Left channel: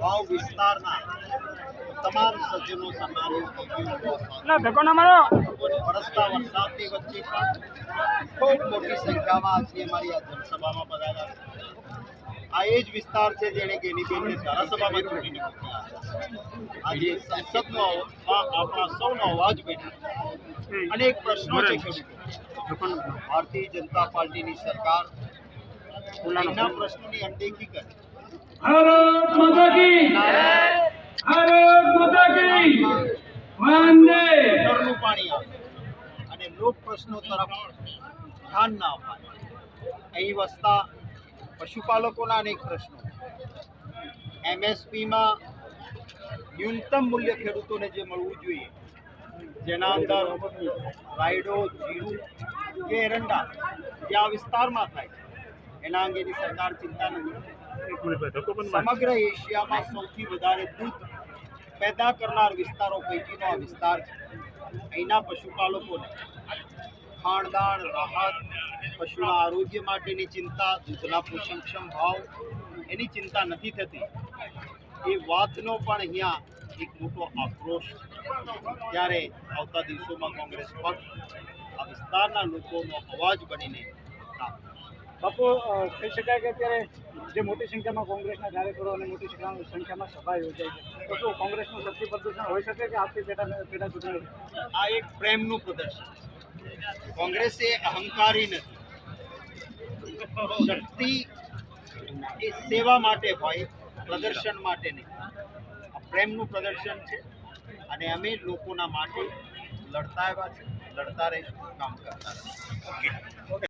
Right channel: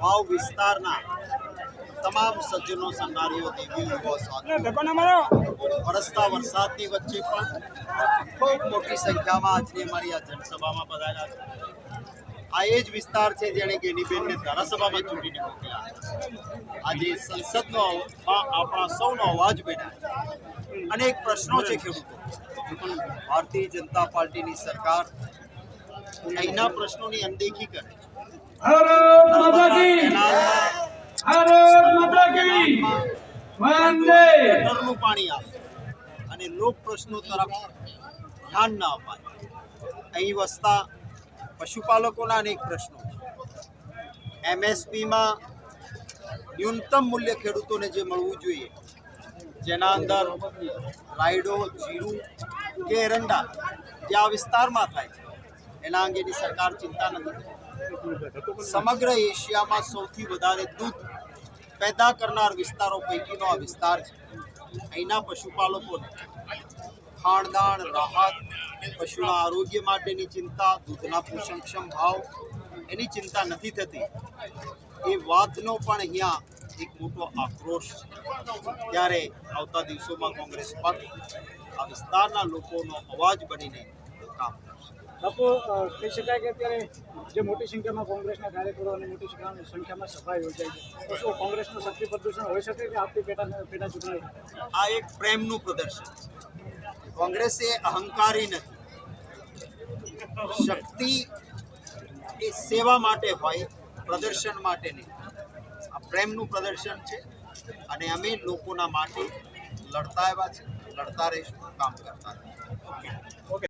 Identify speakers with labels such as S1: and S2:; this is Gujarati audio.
S1: વાવ વિસ્તારના તમામ સજ્જનો સન્નારીઓ વરસતા વરસાદની વચ્ચે પણ ખૂબ મોટી સંખ્યામાં આજની અમારી આ જનસભામાં પધાર્યા છે આ એ જ વિસ્તાર છે જેણે ગેનીબેનને ધારાસભામાં ચૂંટીને મોકલ્યા આજે સંસદનો આપણા સૌનો અવાજ બેઠા અને અનેક પ્રશ્નો છે ખેડૂતો. ભારતીય જનતા પાર્ટીની સરકાર એના પ્રશ્નોની અનદેખી કરે. પાણી આવે અને લોક પ્રશ્નો તરફ ધ્યાન ના અપાય. અહીં વસતા પશુપાલકોના અનેક પ્રશ્નો એમએસપીમાં ન્યૂનતમ મૂલ્ય ખેડૂતોને જે મળવું જોઈએ, જેના અંદર રાયડો, જીરું કે એરંડા જે આ વિસ્તારમાં થાય છે, એના અંગેની સરકાર ચિંતા નથી સમગ્ર એશિયામાં સૌથી વધારે દૂધ પેદા કરનાર વિસ્તારો પૈકીનો આ વિસ્તાર છે. અહીંના પશુપાલકોને ખાણદાણ રાહત પશુના આરોગ્ય માટેની ચિંતા દૂધના પોષણક્ષમ ભાવ એની ચિંતા નથી થતી. એ વાતનો પણ અહીંયા એક મોટો આક્રોશ છે. ત્યારે આવતા દિવસોમાં કોંગ્રેસ પક્ષ આ વિસ્તારના લોકોનો અવાજ બનીને કામ
S2: બાપુ કહી શકાય કે અત્યારે જે મોટી સંખ્યામાં કોંગ્રેસના કાર્યકરો અને મોટી સંખ્યામાં સંખ્યામાં સભા યોજાય છે તો શું કોંગ્રેસનું શક્તિ પ્રદૂષણ હોઈ શકે કે આપતી પેટા પેટા ચૂંટણી
S1: આ એક પ્રેમનું પ્રદર્શન છે. કોંગ્રેસ એ અહંકારી નથી. શક્તિ એ સેવા માટે હોય, પ્રદર્શન માટે નહીં. આ પ્રેમનું પ્રદર્શન છે અને અમે લોકોના માટે લડતા આવ્યા છે, લડતા રહીશું, કામ કરતા રહીશું.